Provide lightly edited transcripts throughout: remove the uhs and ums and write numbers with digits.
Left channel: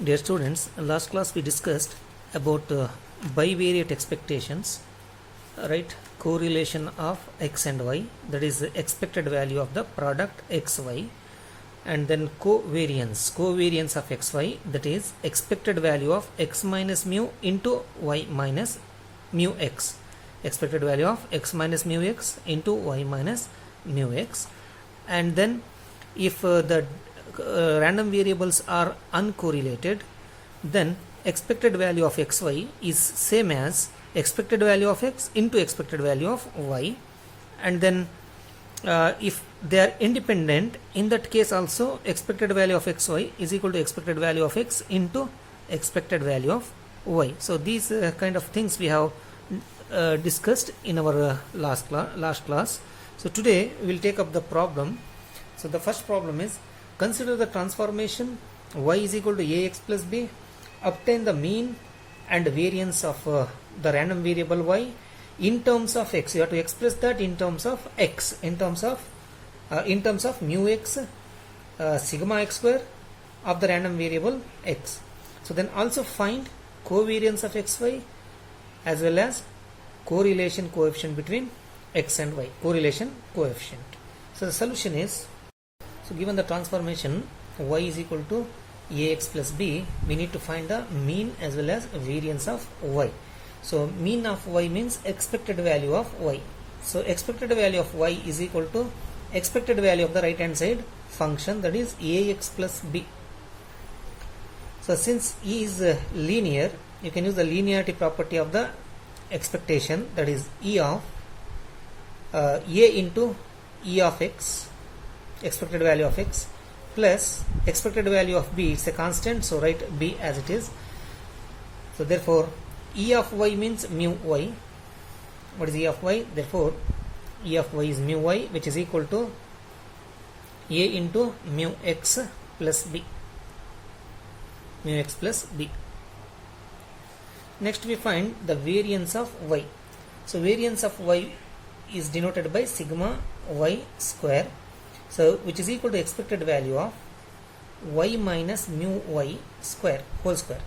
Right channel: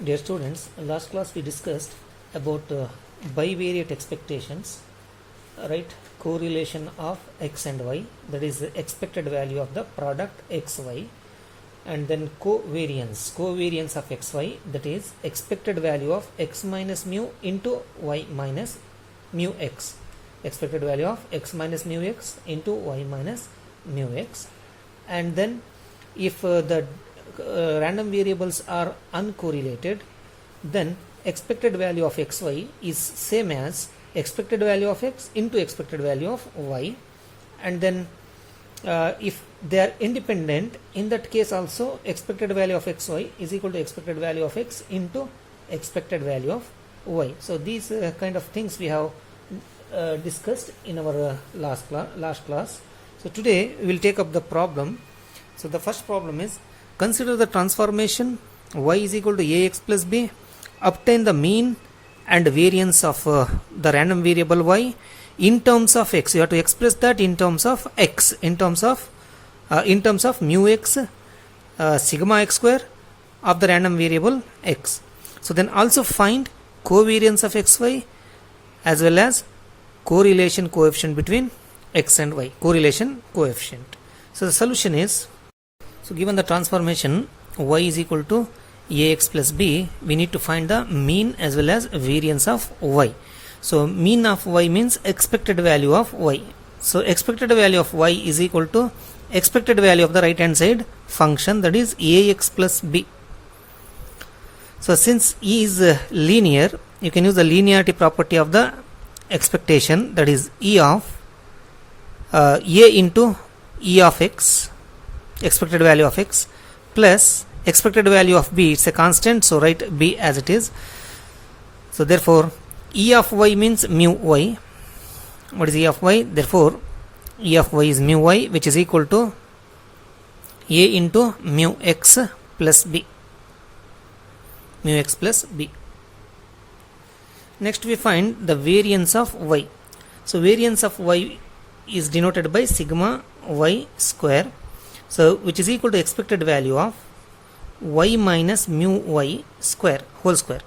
Dear students, last class we discussed about bivariate expectations, right? Correlation of x and y, that is the expected value of the product xy, and then covariance of xy, that is expected value of x minus mu into y minus mu x, expected value of x minus mu x into y minus mu x. And then if the random variables are uncorrelated, then expected value of xy is same as expected value of x into expected value of y. And then if they are independent, in that case also expected value of xy is equal to expected value of x into expected value of y. So these kind of things we have discussed in our last class. So today we will take up the problem. So the first problem is, consider the transformation y is equal to ax plus b, obtain the mean and variance of the random variable y in terms of x. You have to express that in terms of x, in terms of mu x, sigma x square of the random variable x. So then also find covariance of xy as well as correlation coefficient between x and y, correlation coefficient. So the solution is, so given the transformation y is equal to ax plus b, we need to find the mean as well as variance of y. So mean of y means expected value of y. So expected value of y is equal to expected value of the right hand side function, that is ax plus b. So since e is linear, you can use the linearity property of the expectation, that is e of a into e of x, expected value of x, plus expected value of b. It's a constant, so write b as it is. So therefore e of y means mu y. What is e of y? Therefore e of y is mu y, which is equal to a into mu x plus b, mu x plus b. Next we find the variance of y. So variance of y is denoted by sigma y square, so which is equal to expected value of y minus mu y square whole square,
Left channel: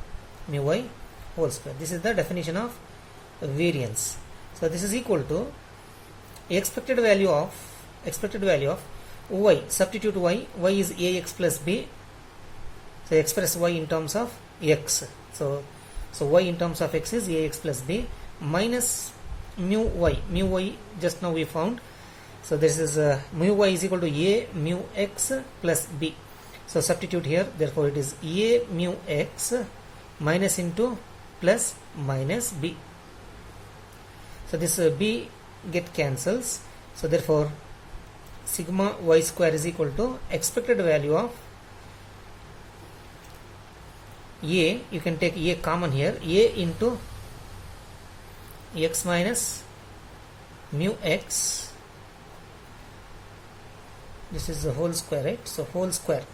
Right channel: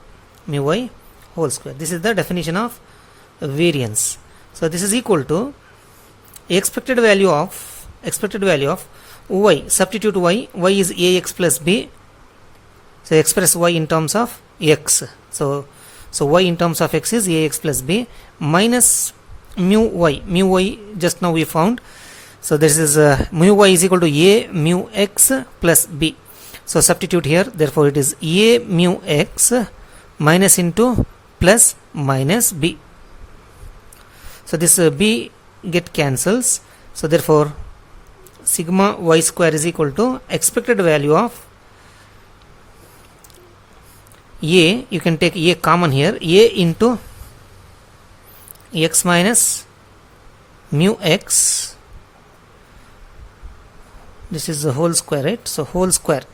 mu y whole square. This is the definition of variance. So this is equal to expected value of y. Substitute y is ax plus b. So express y in terms of x. So y in terms of x is ax plus b minus mu y just now we found. So this is mu y is equal to a mu x plus b. So substitute here, therefore it is a mu x minus into plus minus b. So this b get cancels. So therefore sigma y square is equal to expected value of a, you can take a common here, a into x minus mu x, this is the whole square, right? So whole square,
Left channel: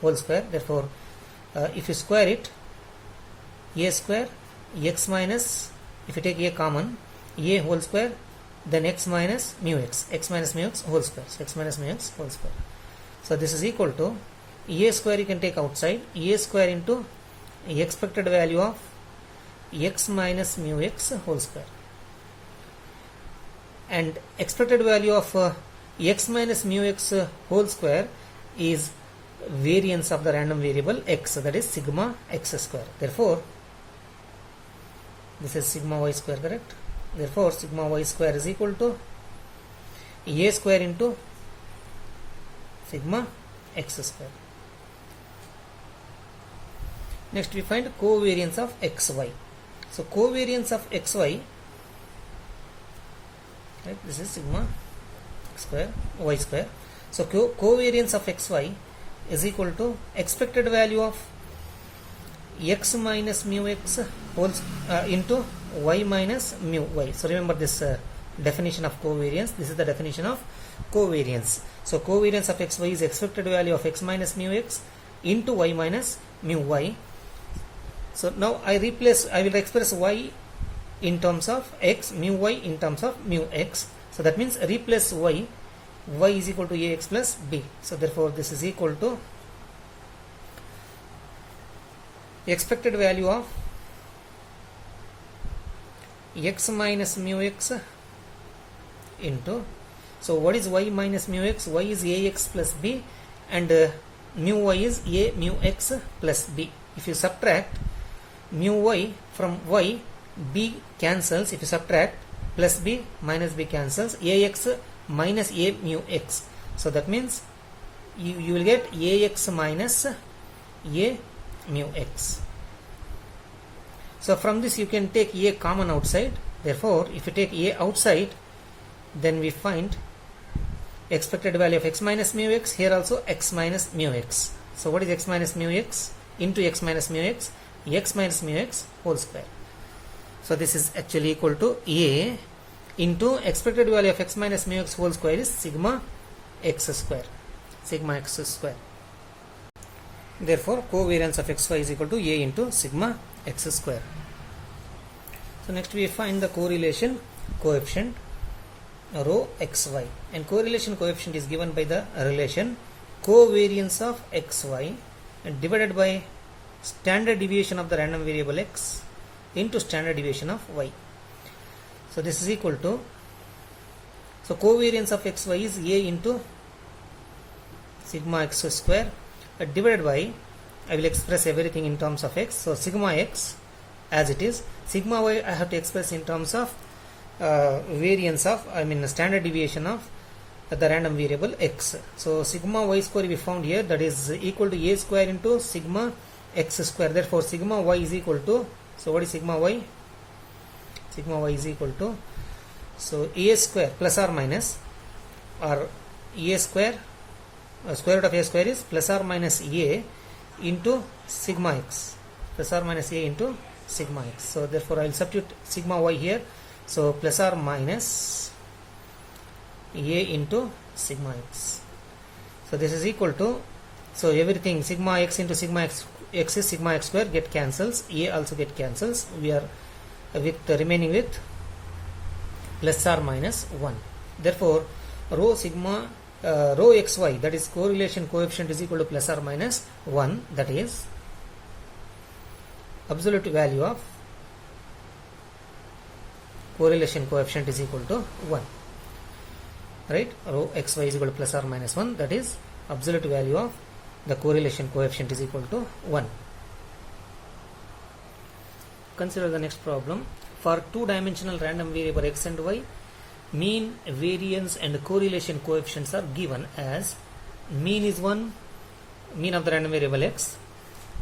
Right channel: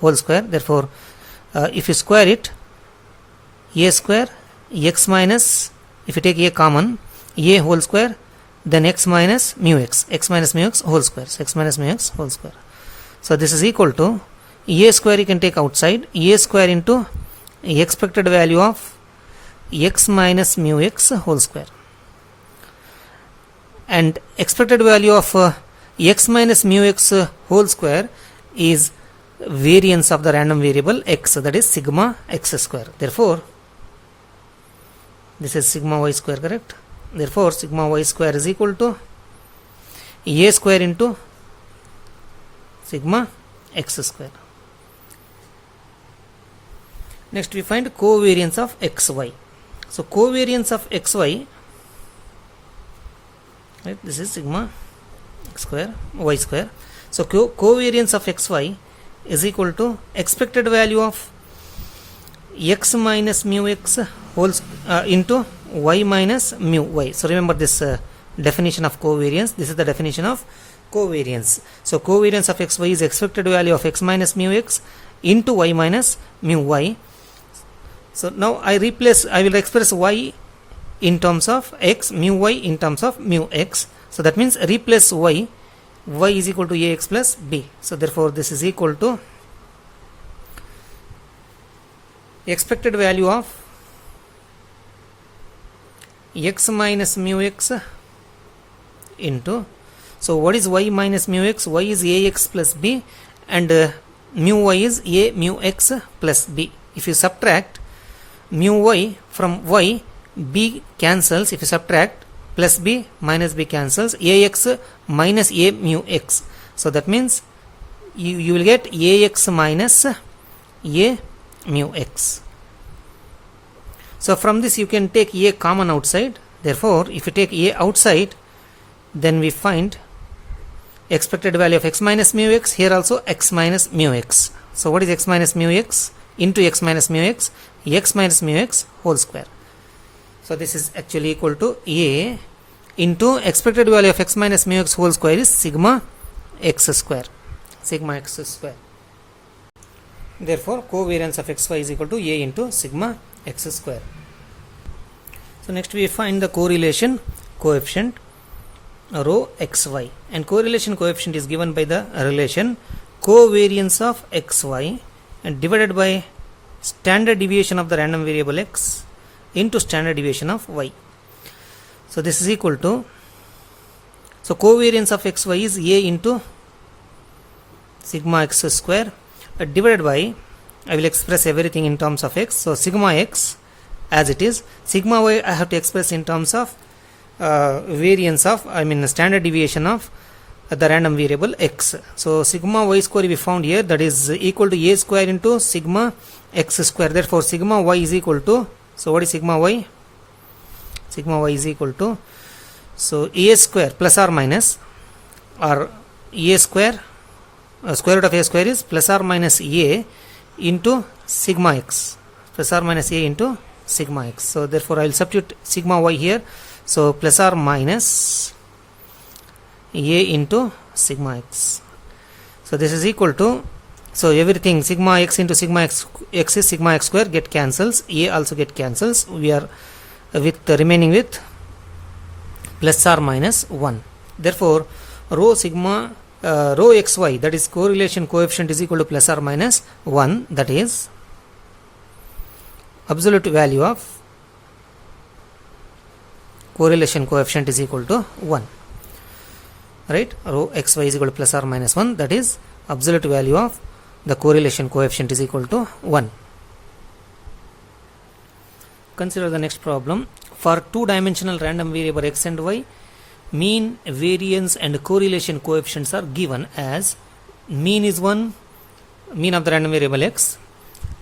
therefore if you square it, a square x minus, if you take a common, a whole square, then x minus mu x whole square, so x minus mu x whole square. So this is equal to a square, you can take outside, a square into expected value of x minus mu x whole square, and expected value of x minus mu x whole square is variance of the random variable x, that is sigma x square. Therefore this is sigma y square, correct? Therefore sigma y square is equal to a square into sigma x square. Next we find covariance of xy. So covariance of xy, right, this is sigma x square y square. So covariance of xy is equal to expected value of x minus mu x whole into y minus mu y. So remember this definition of covariance. This is the definition of covariance. So covariance of xy is expected value of x minus mu x into y minus mu y. So now I will express y in terms of x, mu y in terms of mu x. So that means replace y is equal to ax plus b. So therefore this is equal to expected value of x minus mu x into, so what is y minus mu x? Y is ax plus b, and mu y is a mu x plus b. If you subtract mu y from y, b cancels. If you subtract plus b minus b cancels, ax minus a mu x. So that means you will get ax minus a mu x. So from this you can take a common outside. Therefore, if you take a outside, then we find expected value of x minus mu x. Here also x minus mu x. So what is x minus mu x? Into x minus mu x, x minus mu x whole square. So this is actually equal to a into expected value of x minus mu x whole square is sigma x square. Sigma x square. Therefore, covariance of xy is equal to a into sigma x square. So next we find the correlation coefficient rho xy, and correlation coefficient is given by the relation covariance of xy and divided by standard deviation of the random variable x into standard deviation of y. So this is equal to, so covariance of xy is a into sigma x square divided by, I will express everything in terms of x. So sigma x as it is, sigma y I have to express in terms of variance of, standard deviation of the random variable x. So sigma y square we found here, that is equal to a square into sigma x square. Therefore sigma y is equal to, so what is sigma y? Sigma y is equal to, so a square plus or minus, or a square, square root of a square is plus or minus a into sigma x, plus or minus a into sigma x. So therefore I will substitute sigma y here. So plus or minus a into sigma x. So this is equal to, so everything sigma x into sigma x is sigma x square, get cancels, a also get cancels. We are with remaining with plus or minus 1. Therefore rho sigma rho xy, that is correlation coefficient, is equal to plus or minus 1, that is absolute value of correlation coefficient is equal to 1, right? Rho xy is equal to plus or minus 1, that is absolute value of the correlation coefficient is equal to 1. Consider the next problem. For two-dimensional random variable x and y, mean, variance and correlation coefficients are given as mean is 1, mean of the random variable x,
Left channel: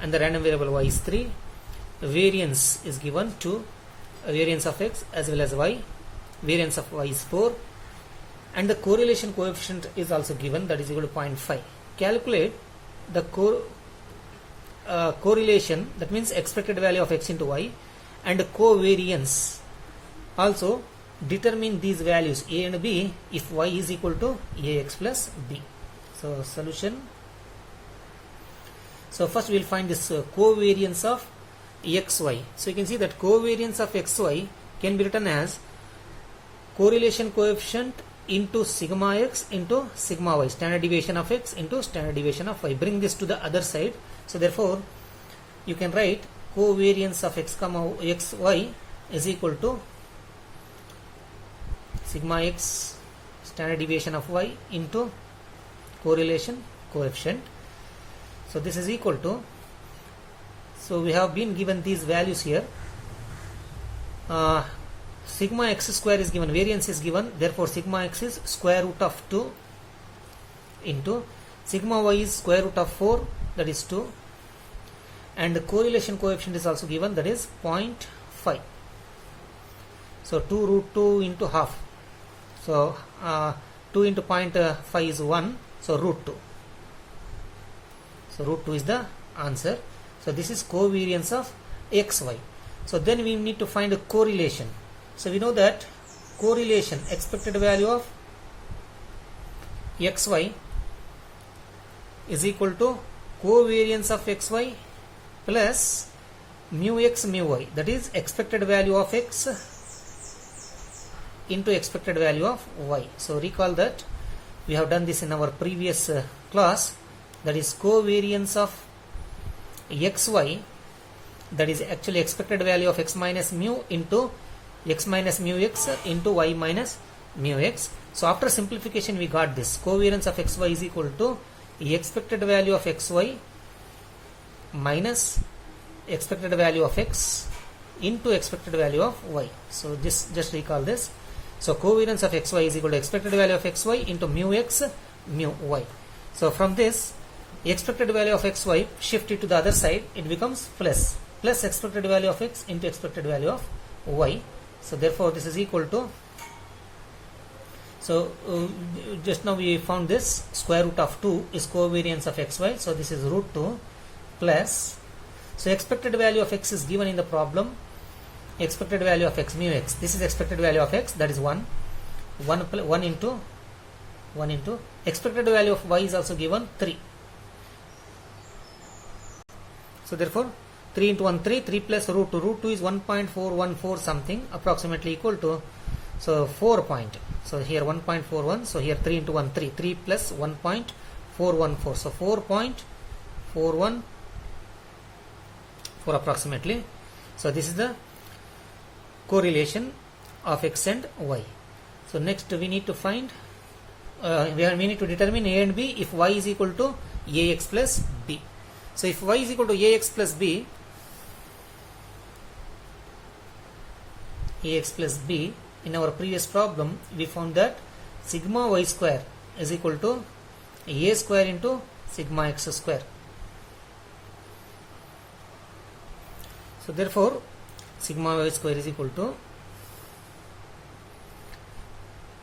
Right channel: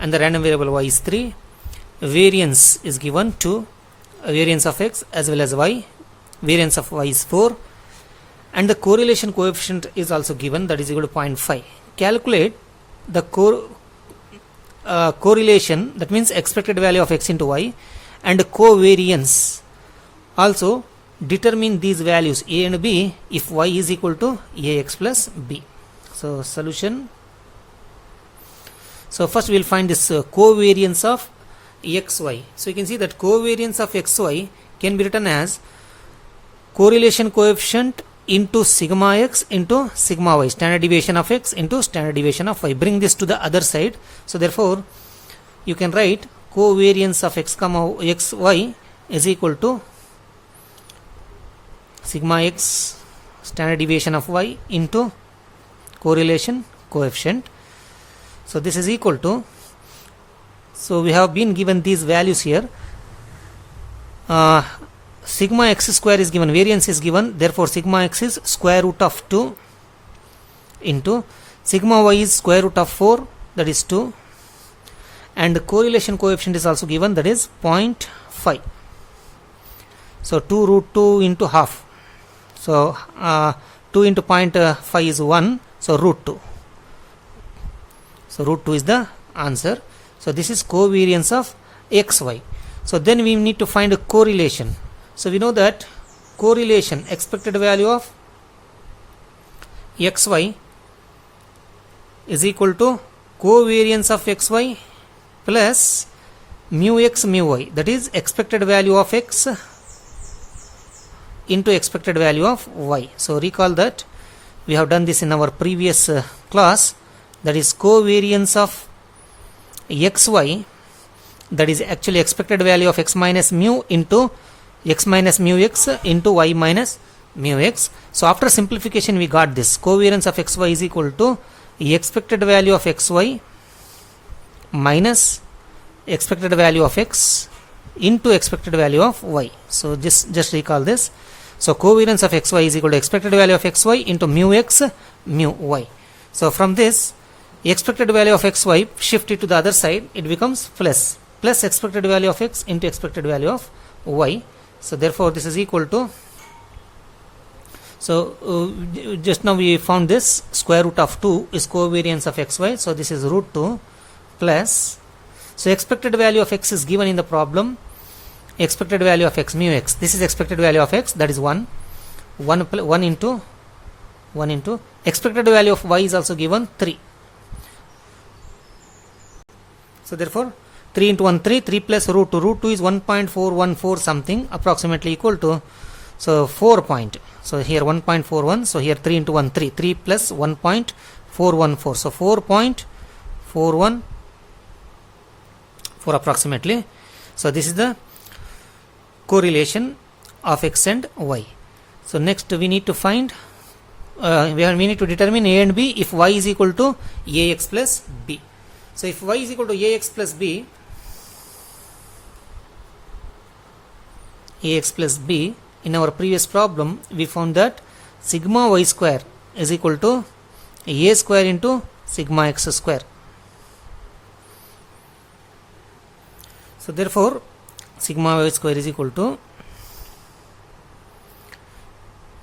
and the random variable y is 3. Variance is given 2, variance of x as well as y, variance of y is 4, and the correlation coefficient is also given, that is equal to 0.5. Calculate the correlation, that means expected value of x into y, and covariance. Also determine these values a and b if y is equal to ax plus b. So solution. So first we will find this covariance of xy. So you can see that covariance of xy can be written as correlation coefficient into sigma x into sigma y, standard deviation of x into standard deviation of y. Bring this to the other side. So therefore you can write covariance of x comma xy is equal to sigma x standard deviation of y into correlation coefficient. So this is equal to, so we have been given these values here. Sigma x square is given, variance is given, therefore sigma x is square root of 2 into sigma y is square root of 4, that is 2, and the correlation coefficient is also given, that is 0.5. So 2 root 2 into half. So 2 into 0.5 is 1, so root 2. So root 2 is the answer. So this is covariance of xy. So then we need to find a correlation. So we know that correlation, expected value of xy is equal to covariance of xy plus mu x mu y, that is expected value of x into expected value of y. So recall that we have done this in our previous class, that is covariance of xy that is actually expected value of x minus mu into x minus mu x into y minus mu x. So after simplification we got this covariance of xy is equal to expected value of xy minus expected value of x into expected value of y. So just recall this. So covariance of xy is equal to expected value of xy into mu x mu y. So from this expected value of xy shifted to the other side, it becomes plus expected value of x into expected value of y. So therefore this is equal to, so just now we found this square root of 2 is covariance of xy. So this is root 2 plus, so expected value of x is given in the problem, expected value of x mu x, this is expected value of x, that is 1 into expected value of y is also given 3. So therefore 3 into 1 3 plus root 2 is 1.414 something approximately equal to, so 4 point, so here 1.41, so here 3 into 1 3 plus 1.414, so 4.414 approximately. So this is the correlation of x and y. So next we need to find we need to determine a and b if y is equal to ax plus b. So if y is equal to ax plus b, in our previous problem we found that sigma y square is equal to a square into sigma x square. So therefore sigma y square is equal to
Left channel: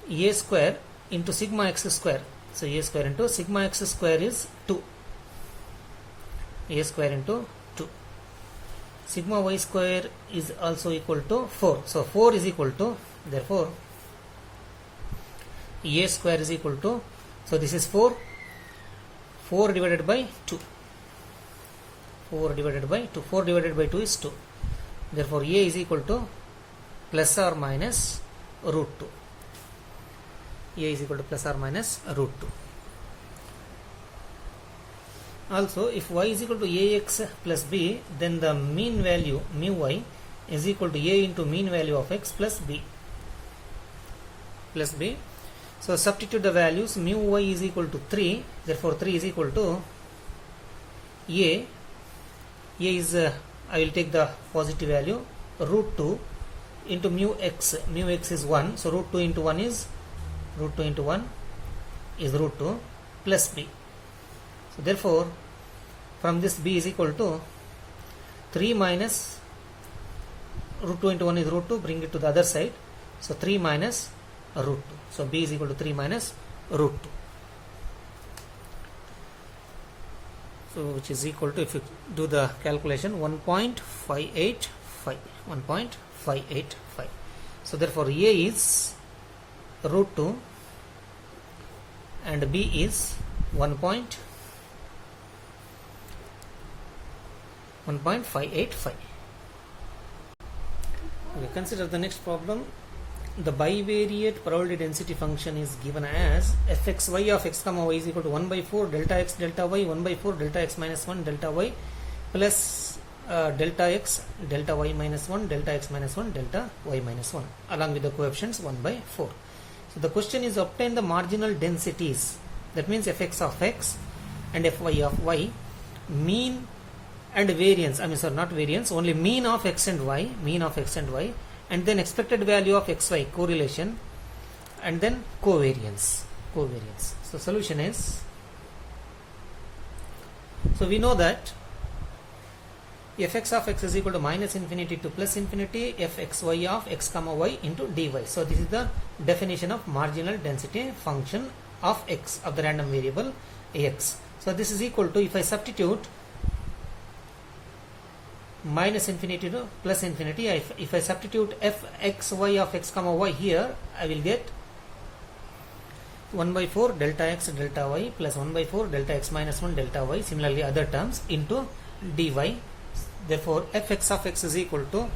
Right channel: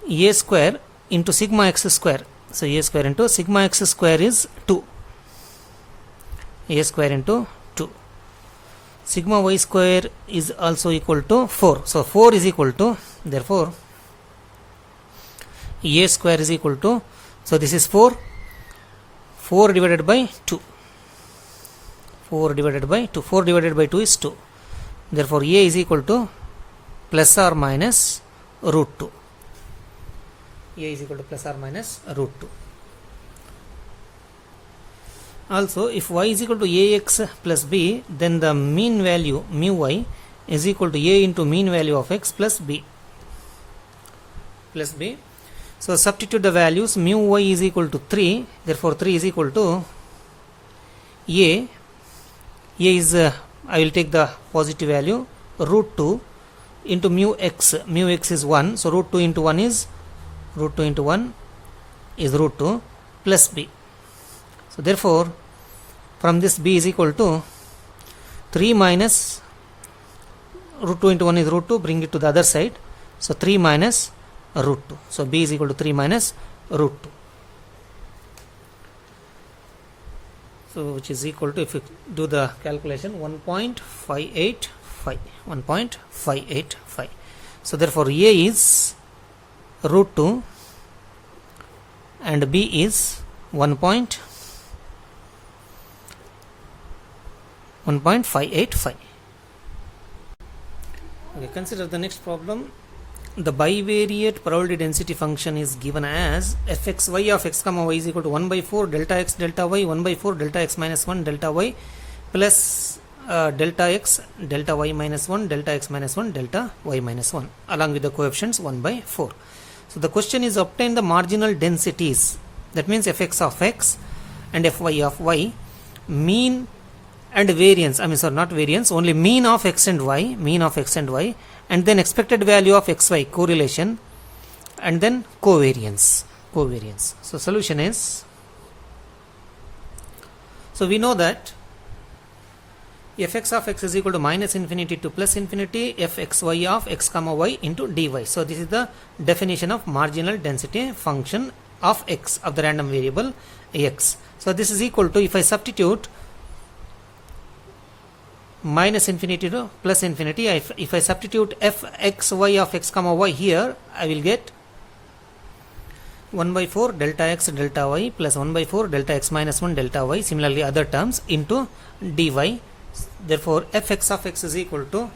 a square into sigma x square. So a square into sigma x square is 2, a square into 2. Sigma y square is also equal to 4. So 4 is equal to, therefore a square is equal to, so this is 4 divided by 2, 4 divided by 2 is 2. Therefore a is equal to plus or minus root 2. A is equal to plus or minus root 2. Also if y is equal to ax plus b, then the mean value mu y is equal to a into mean value of x plus b. So substitute the values, mu y is equal to 3, therefore 3 is equal to a is I will take the positive value, root 2 into mu x is 1, so root 2 into 1 is root 2 plus b. So therefore from this b is equal to 3 minus root 2 into 1 is root 2, bring it to the other side, so 3 minus root 2. So b is equal to 3 minus root 2. So which is equal to, if you do the calculation, 1.585. So therefore a is root 2 and b is 1.585. Okay, consider the next problem. The bivariate probability density function is given as fxy of x comma y is equal to 1 by 4 delta x delta y 1 by 4 delta x minus 1 delta y plus delta x delta y minus 1 delta x minus 1 delta y minus 1 along with the coefficients 1 by 4. So the question is obtain the marginal densities, that means fx of x and fy of y, mean and variance, not variance, only mean of x and y, and then expected value of xy correlation, and then covariance. So solution is, so we know that fx of x is equal to minus infinity to plus infinity fxy of x comma y into dy. So this is the definition of marginal density function of x, of the random variable x. So this is equal to, if I substitute minus infinity to plus infinity, if I substitute fxy of x comma y here, I will get 1 by 4 delta x delta y plus 1 by 4 delta x minus 1 delta y, similarly other terms, into dy. Therefore fx of x is equal to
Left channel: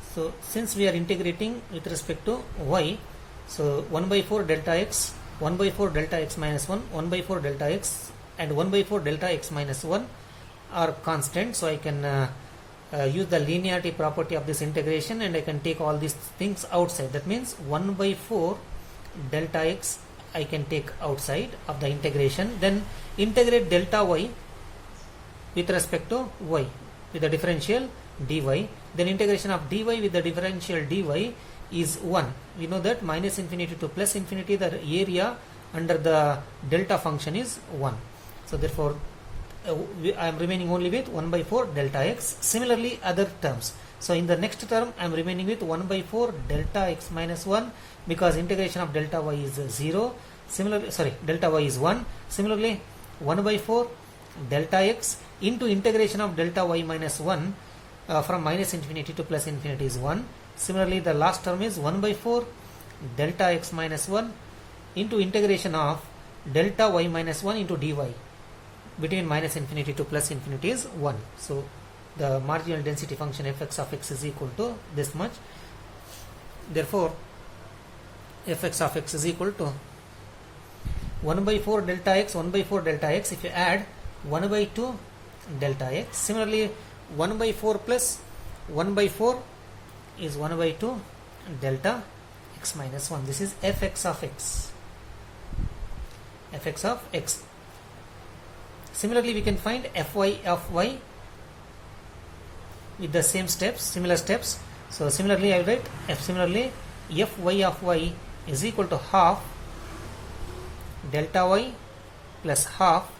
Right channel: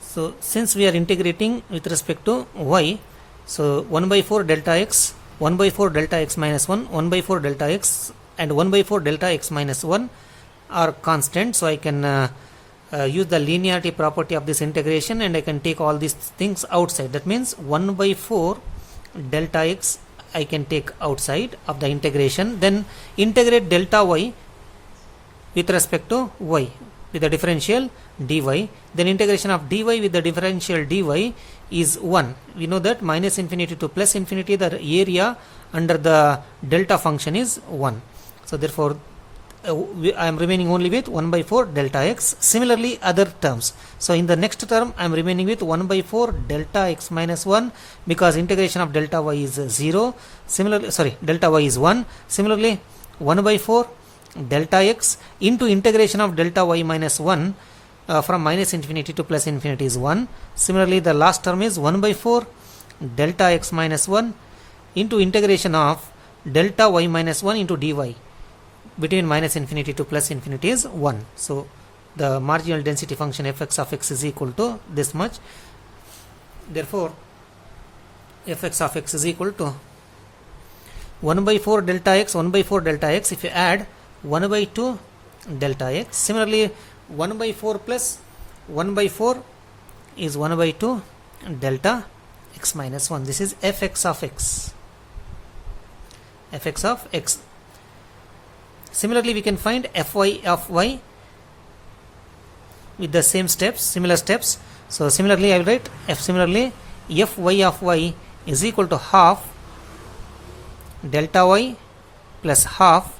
so since we are integrating with respect to y, so 1 by 4 delta x 1 by 4 delta x minus 1, 1 by 4 delta x and 1 by 4 delta x minus 1 are constant. So I can use the linearity property of this integration and I can take all these things outside. That means 1 by 4 delta x I can take outside of the integration. Then integrate delta y with respect to y with the differential dy. Then integration of dy with the differential dy is 1. We know that minus infinity to plus infinity, the area under the delta function is 1. So therefore I am remaining only with 1 by 4 delta x. Similarly other terms. So in the next term I am remaining with 1 by 4 delta x minus 1 because integration of delta y is 0. Similarly, delta y is 1. Similarly 1 by 4 delta x into integration of delta y minus 1 from minus infinity to plus infinity is 1. Similarly the last term is 1 by 4 delta x minus 1 into integration of delta y minus 1 into dy between minus infinity to plus infinity is 1. So the marginal density function fx of x is equal to this much. Therefore fx of x is equal to 1 by 4 delta x, 1 by 4 delta x. If you add 1 by 2 delta x, similarly 1 by 4 plus 1 by 4 is 1 by 2 delta x minus 1. This is fx of x, fx of x. Similarly we can find fy of y with the same steps, similar steps. So similarly I will write similarly fy of y is equal to half delta y plus half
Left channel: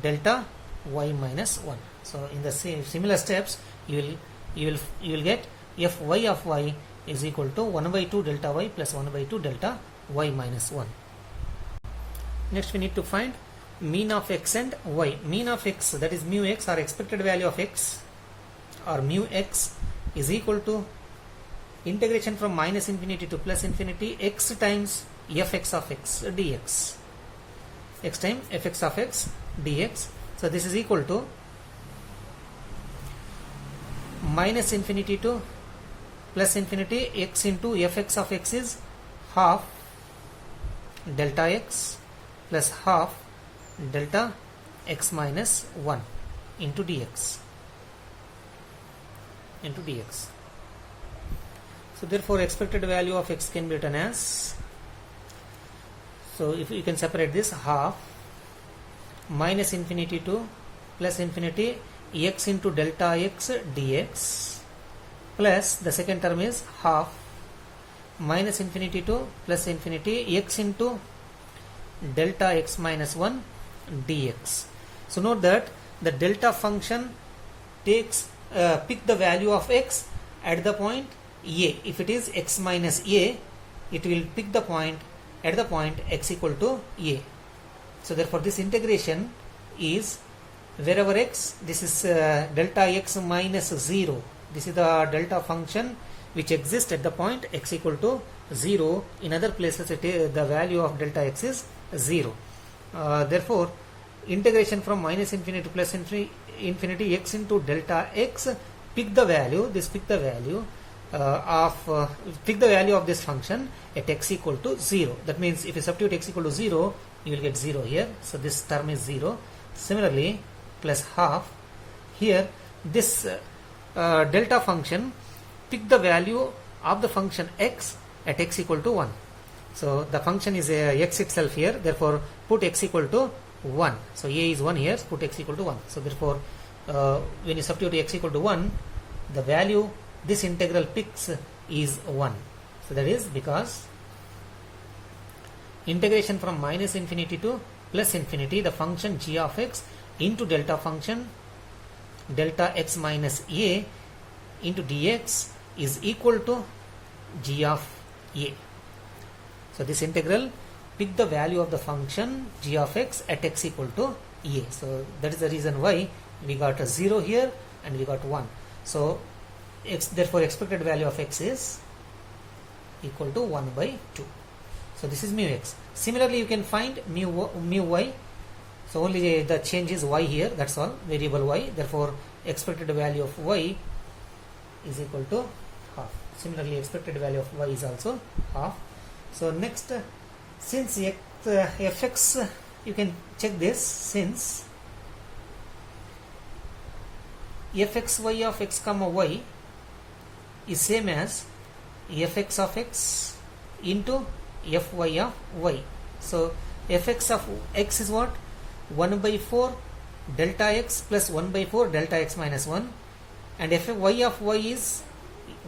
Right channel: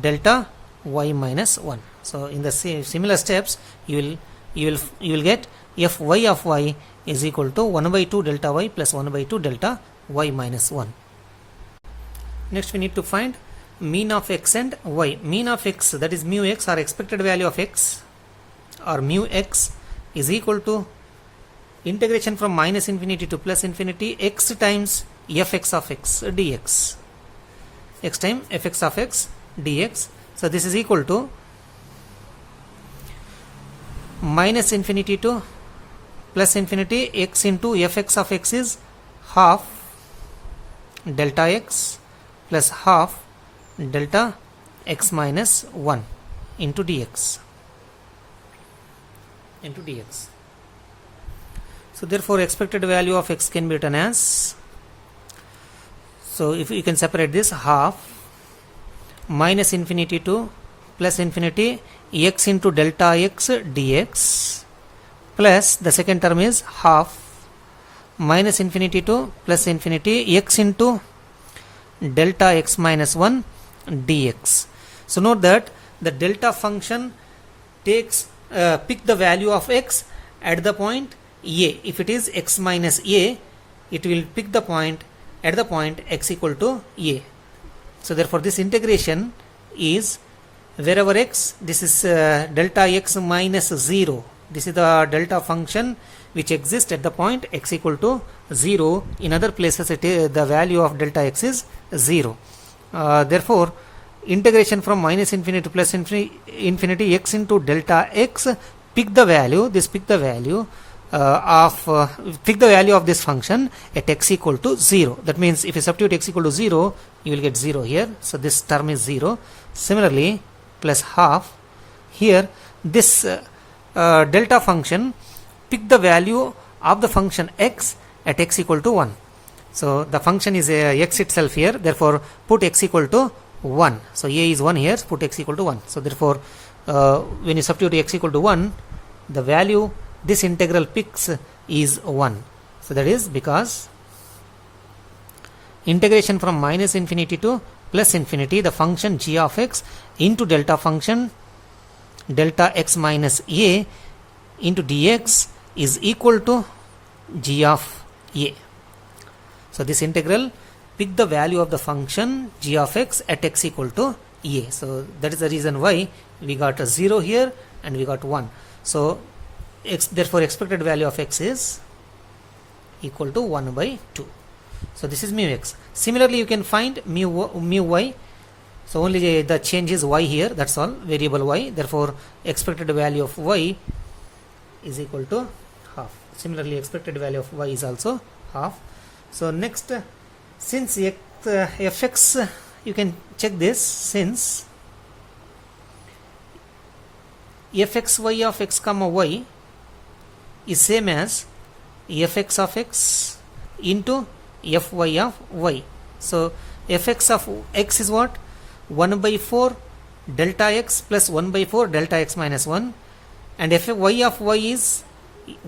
delta y minus 1. So in the similar steps you will get fy of y is equal to 1 by 2 delta y plus 1 by 2 delta y minus 1. Next we need to find mean of x and y. Mean of x, that is mu x or expected value of x or mu x, is equal to integration from minus infinity to plus infinity x times fx of x dx, x times fx of x dx. So this is equal to minus infinity to plus infinity x into fx of x is half delta x plus half delta x minus 1 into dx. So therefore expected value of x can be written as, so if you can separate this, half minus infinity to plus infinity x into delta x dx plus the second term is half minus infinity to plus infinity x into delta x minus 1 dx. So note that the delta function takes pick the value of x at the point a. If it is x minus a, it will pick the point at the point x equal to a. So therefore this integration is wherever x, this is delta x minus 0. This is the delta function which exists at the point x equal to 0. In other places the value of delta x is 0. Therefore integration from minus infinity to plus infinity x into delta x, pick the value of this function at x equal to 0. That means if you substitute x equal to 0, you will get 0 here. So this term is 0. Similarly plus half here, this delta function, pick the value of the function x at x equal to 1. So the function is x itself here, therefore put x equal to 1. So a is 1 here, put x equal to 1. So therefore when you substitute x equal to 1, the value this integral picks is 1. So that is because integration from minus infinity to plus infinity, the function g of x into delta function delta x minus a into dx is equal to g of a. So this integral pick the value of the function g of x at x equal to a. So that is the reason why we got a 0 here and we got 1. So therefore expected value of x is equal to 1 by 2. So this is mu x. Similarly you can find mu y. So only the change is y here, that's all, variable y. Therefore expected value of y is equal to half. Similarly expected value of y is also half. So next, since fx, you can check this, since fxy of x comma y is same as fx of x into fy of y. So fx of x is what? 1 by 4 delta x plus 1 by 4 delta x minus 1, and fy of y is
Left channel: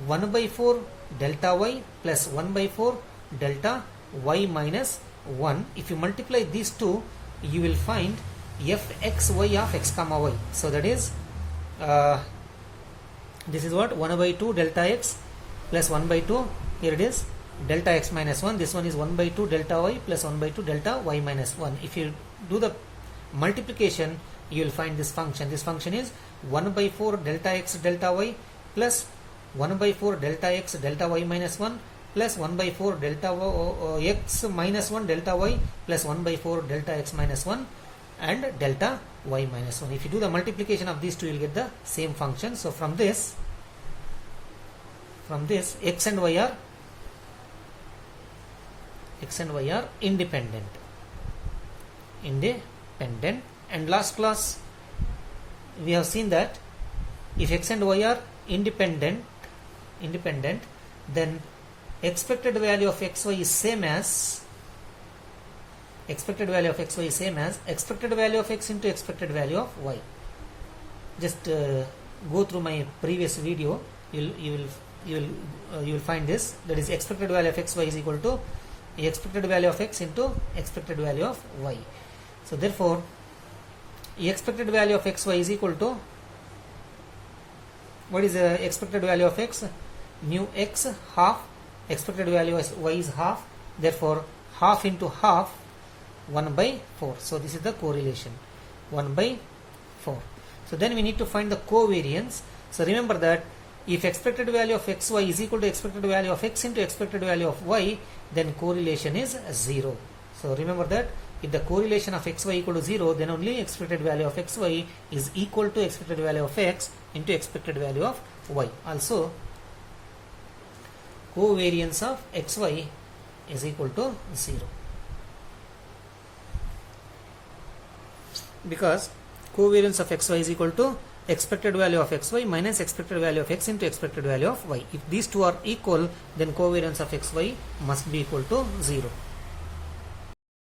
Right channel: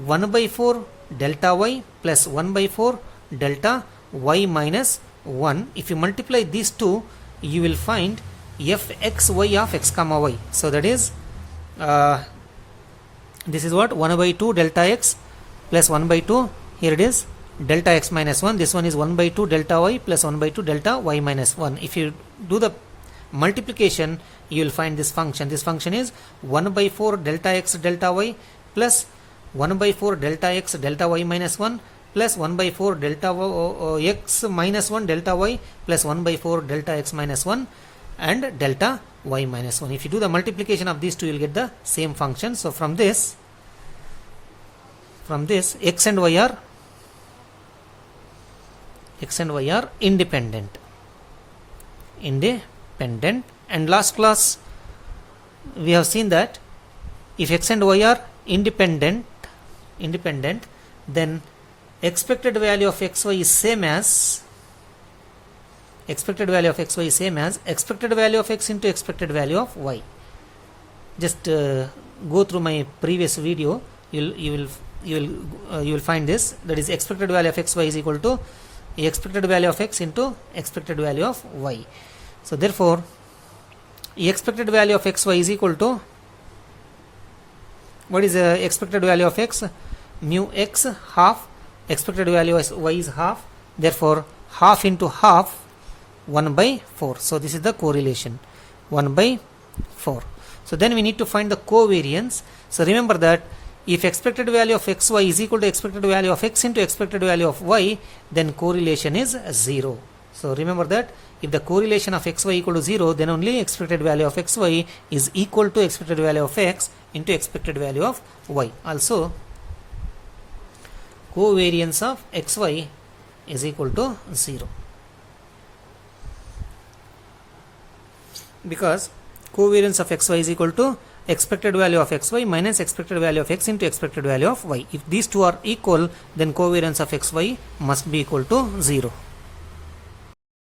1 by 4 delta y plus 1 by 4 delta y minus 1. If you multiply these two, you will find fxy of x comma y. So that is this is what? 1 by 2 delta x plus 1 by 2, here it is delta x minus 1, this one is 1 by 2 delta y plus 1 by 2 delta y minus 1. If you do the multiplication, you will find this function. This function is 1 by 4 delta x delta y plus 1 by 4 delta x delta y minus 1 plus 1 by 4 delta x minus 1 delta y plus 1 by 4 delta x minus 1 and delta y minus 1. If you do the multiplication of these two, you will get the same function. So from this x and y are independent. And last class we have seen that if x and y are independent, then expected value of xy is same as expected value of x into expected value of y. Just go through my previous video, you will find this, that is expected value of xy is equal to expected value of x into expected value of y. So therefore expected value of xy is equal to, what is the expected value of x? Mu x half, expected value of y is half, therefore half into half, 1 by 4. So this is the correlation, 1 by 4. So then we need to find the covariance. So remember that if expected value of xy is equal to expected value of x into expected value of y, then correlation is 0. So remember that if the correlation of xy equal to 0, then only expected value of xy is equal to expected value of x into expected value of y. Also, covariance of xy is equal to 0, because covariance of xy is equal to expected value of xy minus expected value of x into expected value of y. If these two are equal, then covariance of xy must be equal to 0.